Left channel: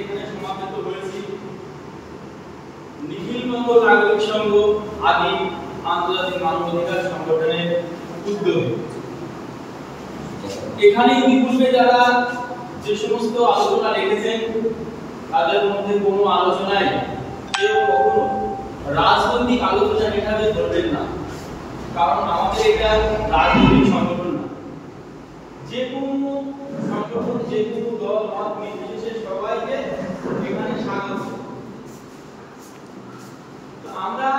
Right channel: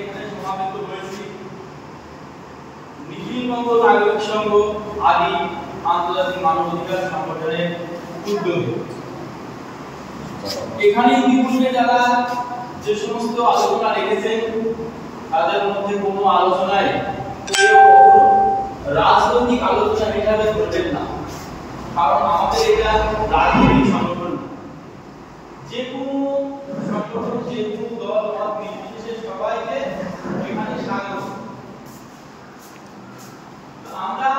এখানে সমাবেত হয়েছি নিখিলবঙ্গ নাগরিক সংঘ আদি আন্তর্জাতিক মানবাধিকার সংগঠনের উদ্যোগে। এখানে ইতিপূর্বে যারা যে সমস্ত আলোচনা রেখেছেন তাদের মধ্যে কোনো আলোচনায় কেউ কখনো রাজনৈতিক আলোচনা হিসাবে ধরবেন না, কারণ আমাদের এটা রাজনৈতিক সংগঠন না। যে কোনো সংগঠন, যে কোনো দল মত নির্বিশেষে সবাইকে এখানে স্বাগত। আমরা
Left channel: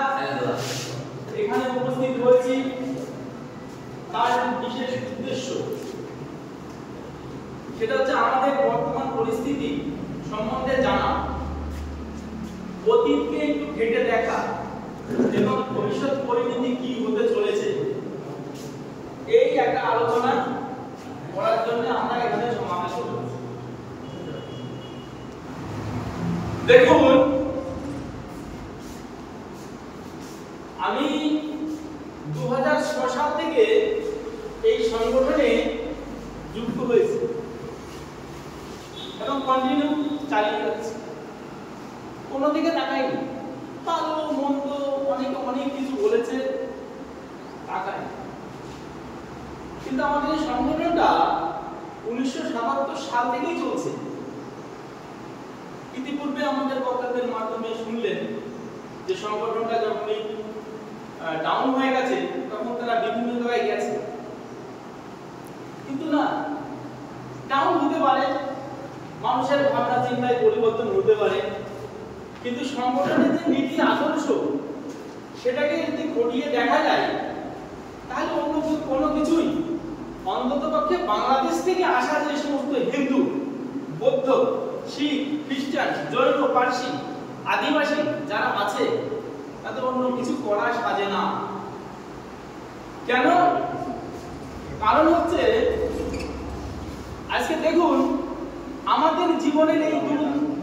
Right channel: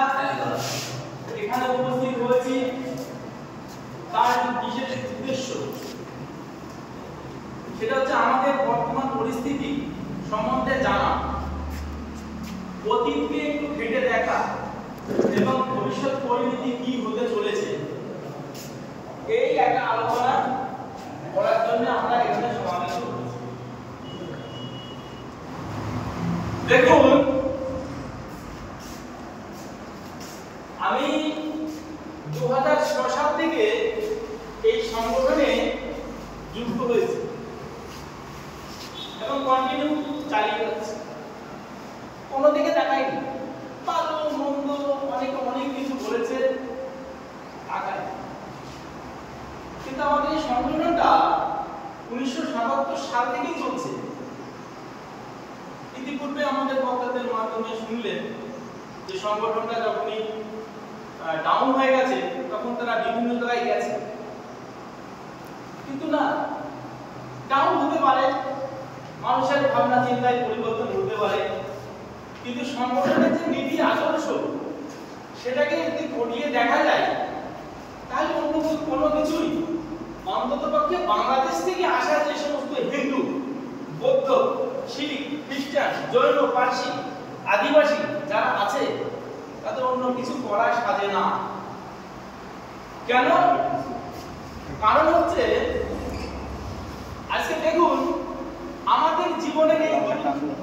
এখানে উপস্থিত হয়েছি তার বিশেষ উদ্দেশ্য, সেটা হচ্ছে আমাদের বর্তমান পরিস্থিতি সম্বন্ধে জানা, অতীতকে একটু ঘেঁটে দেখা এবং ভবিষ্যৎ পরিণতি কি হতে চলেছে এই একটা আলোচনা করার জন্য আমরা এখানে সমাবেত হয়েছি। দেখুন, আমি 2006 সাল থেকে এই সংগঠনে যুক্ত হয়েছি এবং কন্টিনিউ চালিয়ে যাচ্ছি। কোনো দিকে তাকাইনি, ভালো মন্দ অনেক কিছু বলেছে, তাকাই। কিন্তু আমাদের এই সংগঠনটা 1977 সাল থেকেই চলছে। ইতিপূর্বে আমাদের বক্তাদের মাধ্যমে শুনলেন যে সংগঠনটা যখনই ডাউন হয়ে গেছে তখন তারা বিভিন্ন জায়গায় গেছে, কিন্তু না, ডাউন হতে পারে, মানুষের ভাবনা চিন্তায় পরিবর্তন হতে পারে, কিন্তু সংগঠনের যে নীতি আদর্শ সেটাকে যদি ঘটিয়ে দেখা যায় তাহলে কোনো কিছুই অন্ততপক্ষে বাংলাদেশ থেকে আসা যে সমস্ত হিন্দু, বৌদ্ধ, শিখ, খ্রিস্টান, জৈন, পার্সি, আদিবাসী যারা আছে তাদের অন্য কিছু করা সাজে না। কেন? কারণ হচ্ছে আজকে দেখুন, আমাদের জীবনের এই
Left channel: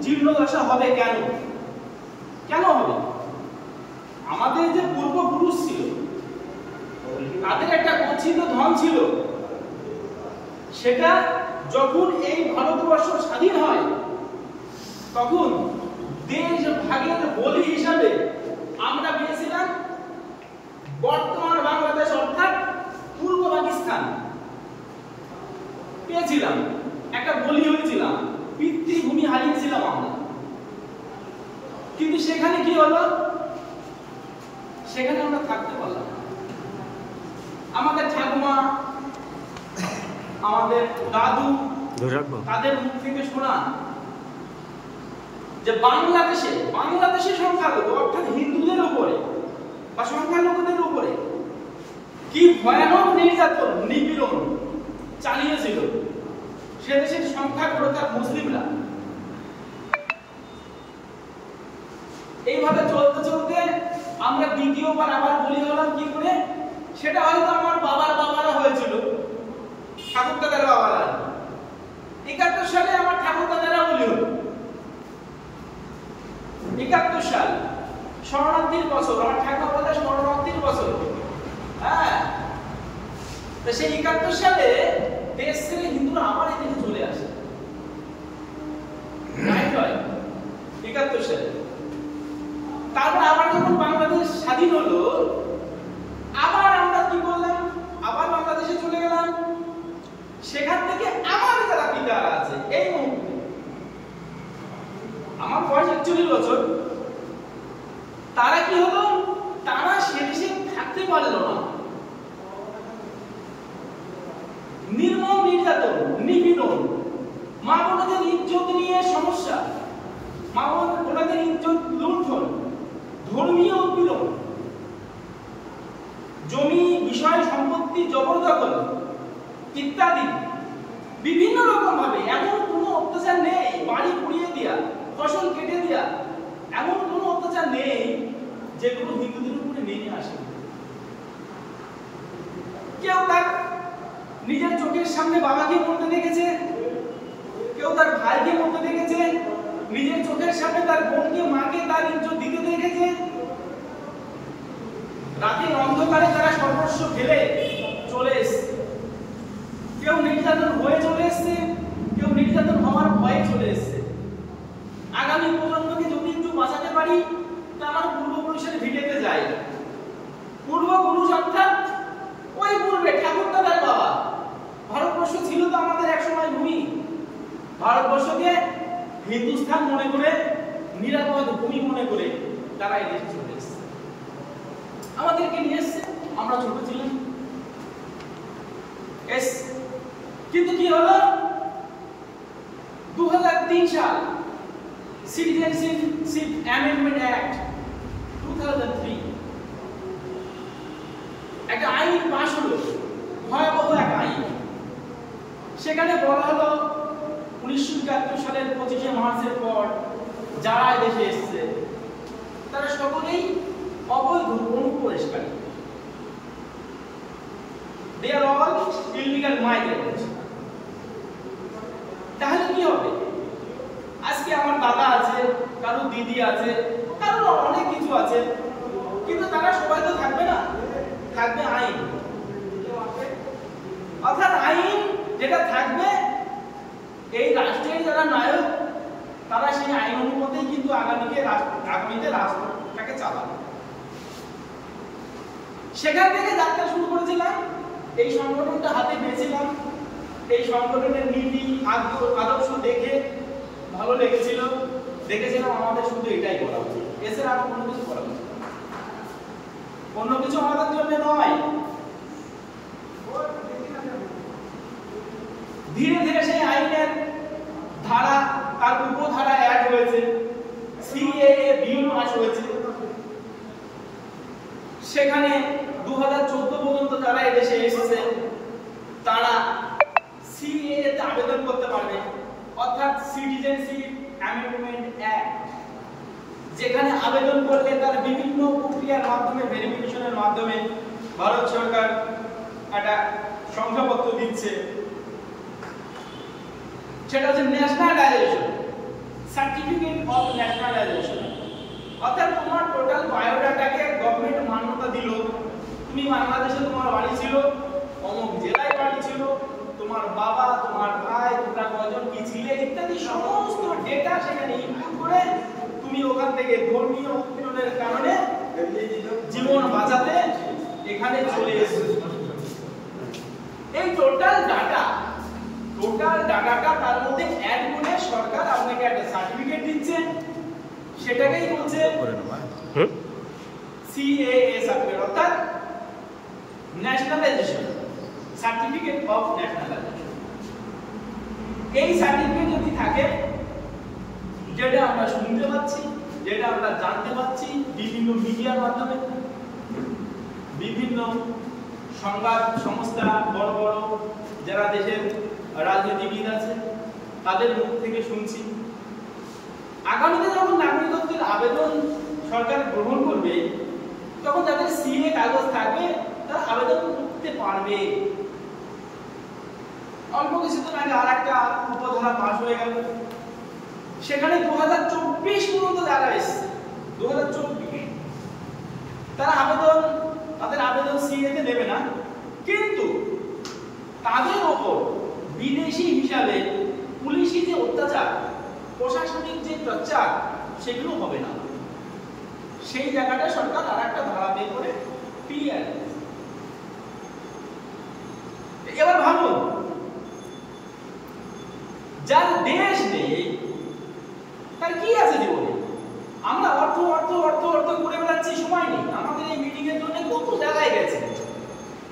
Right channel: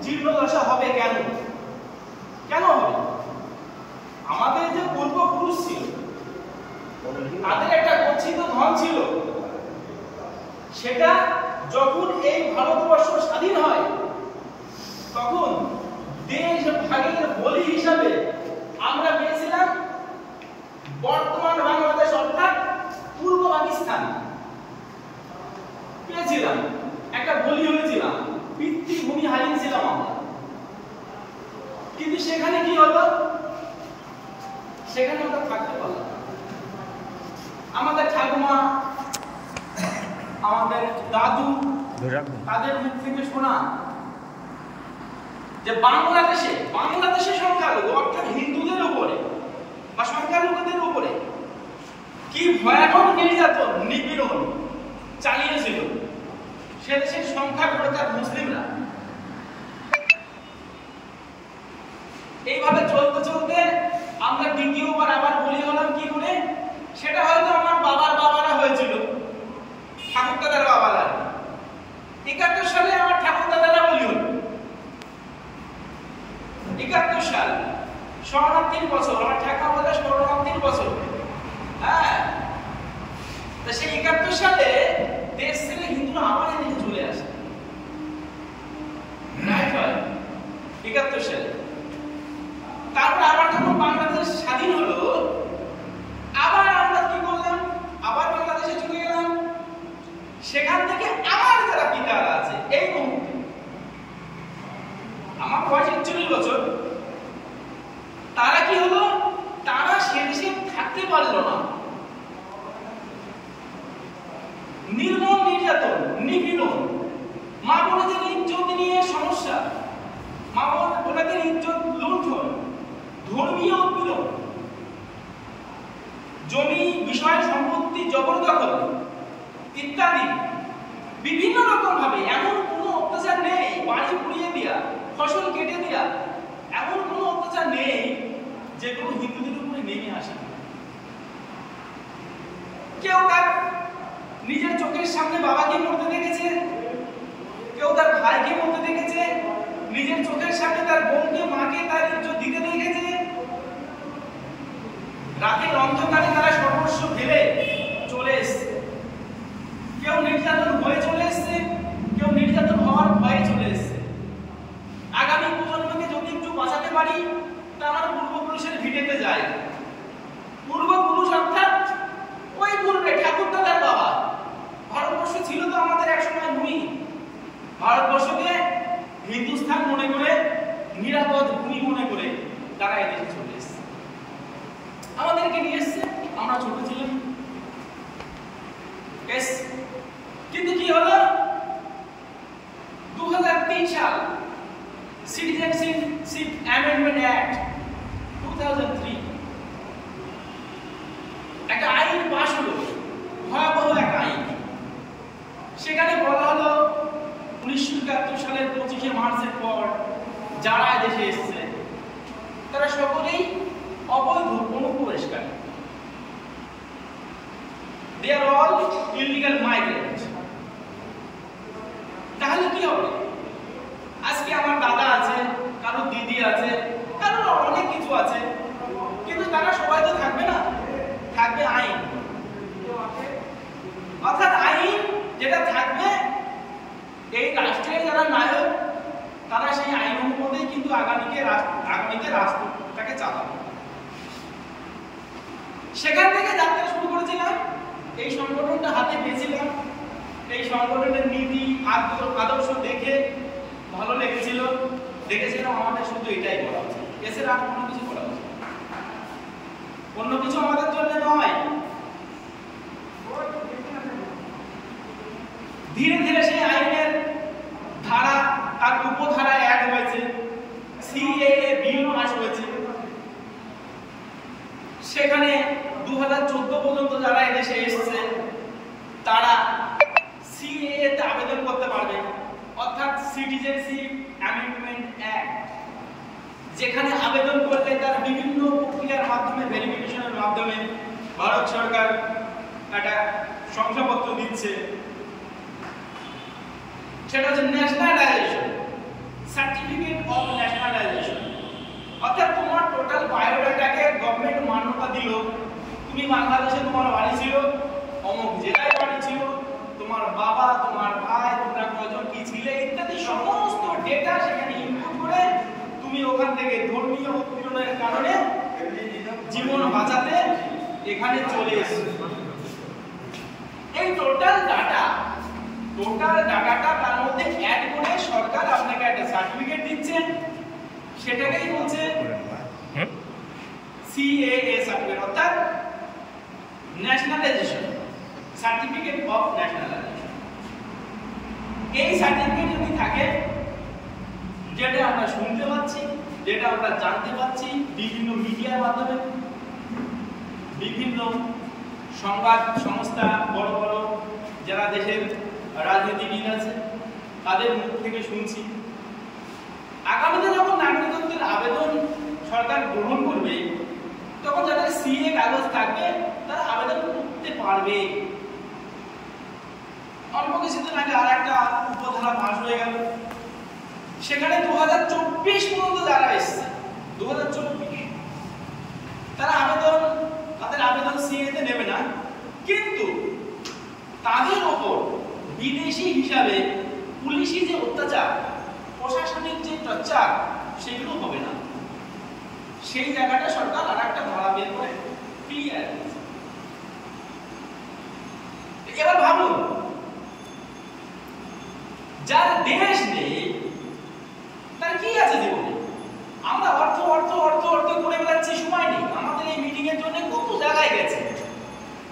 জীর্ণদশা হবে কেন? কেন হবে? আমাদের যে পূর্বপুরুষ ছিল তাদের একটা গচ্ছিত ধন ছিল, সেটা যখন এই ভারতবর্ষ স্বাধীন হয় তখন দেশ ভাগের বলি হিসাবে আমরা পেয়েছিলাম বর্তমান বাংলাদেশ অর্থাৎ পূর্ব পাকিস্তান পেয়েছিলাম, একটা বলি হয়েছিলাম, পিতৃভূমি হারিয়েছিলাম আমরা। কিন্তু সেখানে কি হলো? সেখানে আমরা থাকতে পারলাম। আমাদের ঠাকুমা, আমাদের দাদু, তাদের মুখ থেকে শোনা যে বাংলাদেশে সংখ্যালঘু অর্থাৎ হিন্দুদের উপরে বা সংখ্যালঘুদের উপরে কি ভয়ানক নির্যাতন, নিপীড়ন চালিয়েছিল সে দেশের সংখ্যালঘু অর্থাৎ মুসলিমরা। এইভাবে চলতে চলতে আমরা দ্বিতীয়বার আবার বলি হলাম। কি করে? সেটা হয়তো আমার বাবারা হয়েছিল, ঠাকুর দাদার বাবারা। 71 সালে আমার ঠাকুর দাদারা বলি হলো। 71 সাল শরণার্থীর বছর, আমার ঠাকুর দাদা শরণার্থীর বছর। হ্যাঁ, তো সেই 71 সালে দেশ থেকে হিন্দুরা আবার এদিকে চলে আসে। রাইট হয় 71 সালে। তারপরে আবার যখন বাংলাদেশ স্বাধীন হলো, আবার আমরা কি করলাম? আবার বাংলাদেশে চলে গেলাম। সেখান থেকে আমার যারা পিতারা আছে এই মুহূর্তে, আমার বয়স 41 বছর, তারা কি হলো? তারা সে দেশে থাকতে পারলো না। নির্মম নির্যাতন, নিপীড়ন, মা বোনদের ইজ্জত নিয়ে সমস্যা, মা বোনদের ইজ্জত লুণ্ঠন, ধর্মীয় উৎপীড়ন, জমি বিষয় সম্পত্তি জবরদখল ইত্যাদি বিভিন্ন রকম ভাবে এমন কোনো অত্যাচার নেই, বাড়ি পুড়িয়ে দেয়া, ফসল কেটে দেয়া, এমন কোনো অত্যাচার নেই যেগুলো হিন্দুদের উপরে নেমে আসে। কেউ তার নিজের চোখের সামনে বাবাকে মরতে দেখেছে, কেউ তার ভাইকে মরতে দেখেছে, নিজের চোখের সামনে তার বোনকে, মাকে তার ইজ্জত দিতে দেখেছে। রাতের অন্ধকারে তারা সর্বস্ব ফেলে চলে এসেছে। কেউ নির্যাতন হয়ে চলে এসেছে, কেউ নির্যাতন হওয়ার ভয়ে চলে এসেছে। ভারতবর্ষকে হিন্দুস্তান মনে করে, নিরাপদ ভূমি মনে করে তারা এই দেশে চলে এসেছে। আমাদেরকে নিয়ে এসেছে, আমরা ছোট ছিলাম, কিন্তু কি হলো? 2003 সাল সিটিজেনশিপ অ্যামেন্ডমেন্ট অ্যাক্ট 2003 একটা আইন পাস হলো, ভয়াবহ এক আইন। সেখানে বলা হলো 1971 সালের 25শে মার্চের পর যারা দেশে এসেছে তারা সকলেই অবৈধ অনুপ্রবেশকারী। They are all illegal migrants. তাহলে কি হবে? আজকে আমার দাদা আছে, কারো দিদি আছে, কারো অনেক কিছু আছে, কিন্তু তারা সবাই তো থাকবে না, থাকবে আইন। অর্থাৎ আইন যেটা থাকবে, এই রাষ্ট্রের যারা নায়ক তারা সেই আইন অনুমতেই কিন্তু আগামীতে রাষ্ট্রটাকে চালাবে। সেখান থেকে যাত্রা শুরু করেছিলাম, এই সংগঠনটা হাতে পেয়েছিলাম। এই সংগঠনের নীতি আদর্শ দেখে ভালো লেগেছিল, দেখেছিলাম আমাদের শুধু এটাই করা উচিত, এছাড়া আর কোনো কিছু করা উচিত, অন্য কিছু আমাদের জন্য নয়। ধীরে ধীরে সেই আইনের ধারা, তার উপধারা অ্যাড হয়েছে, সিএএ বিল পাস হয়েছে। সেখানে 2014 পর্যন্ত যারা এদেশে এসেছে তারা সিএএ তে আবেদন করতে পারবে, অর্থাৎ সিটিজেনশিপ অ্যামেন্ডমেন্ট অ্যাক্ট, যেখানে আবেদন করলে তার বিভিন্ন প্রক্রিয়ার মাধ্যমে, ভেরিফিকেশনের মাধ্যমে ভারত সরকার একটা শংসাপত্র দিচ্ছে। সেটা হচ্ছে ন্যাশনালাইজেশন, সার্টিফিকেট অফ ন্যাশনালাইজেশন। অর্থাৎ তোমার টোটাল বায়োডাটাকে গভর্নমেন্ট মান্যতা দিল, তুমি বাংলাদেশে তোমার বাড়ি ছিল, অমুক জেলায় বাড়ি ছিল, তোমার বাবা, তোমার ভাই, তোমরা কয়জন কি ছিলে ইত্যাদি সমস্ত ডেটা সেখানে ইনপুট করে তুমি ওখান থেকে ধর্মীয় উৎপীড়নের কারণে জীবন বাঁচাতে এখানে চলে এসেছো। এই টোটাল ডাটাটা তার মধ্যে অ্যাড করে সরকার আপনাকে একটা সার্টিফিকেট দিচ্ছে, সেটাকেই বলছে সিএএ সার্টিফিকেট, অর্থাৎ ন্যাশনালাইজেশন, সার্টিফিকেট অফ ন্যাশনালাইজেশন। এই সার্টিফিকেট যদি থাকে, যেটা আমরা শুনতে পাচ্ছি, যেটা আমরা জানতে পাচ্ছি বিভিন্ন মিডিয়ার মাধ্যমে, বিভিন্ন সংবাদ সংস্থা, বড় বড় যারা দেশের রাজনীতিবিদ আছে তাদের মুখ থেকে শুনছি, আগামীতে যখন নাগরিকত্বের আবেদন সরকার গ্রহণ করবে তখন যাদের সিএ কাগজ থাকবে তারা আবেদন করতে পারবে। অল্প কিছুদিন আগে আর একটা উপধারা পাস হয়ে গেল, সেখানে 2024 পর্যন্ত যারা এসেছে, 2024 তাদের আবেদন সিএ তে নেবে না, কিন্তু তাদের উপর বিদেশি হিসাবে পুলিশি যে অত্যাচার, প্রশাসনিক যে টর্চার, সেগুলো হবে না। সেই জায়গাটা সরকার আর একটা ধারা বের করে ক্লিয়ার। এবার ভাবুন, যার দেশ নেই তার কি আছে জীবনে? আমরা অর্থ অর্থ অর্থ অর্থ করে বেড়াচ্ছি, সময় নেই। আমাদের এই মিটিং এর জন্য কত জায়গায় গেছে,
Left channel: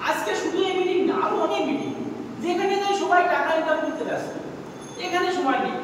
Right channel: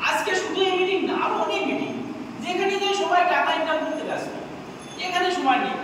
আজকে শুধু এই মিটিং না, আরো অনেক মিটিং, যেখানে যে সময় টাকা ইনকাম করতে ব্যস্ত, এখানে সময় নেই।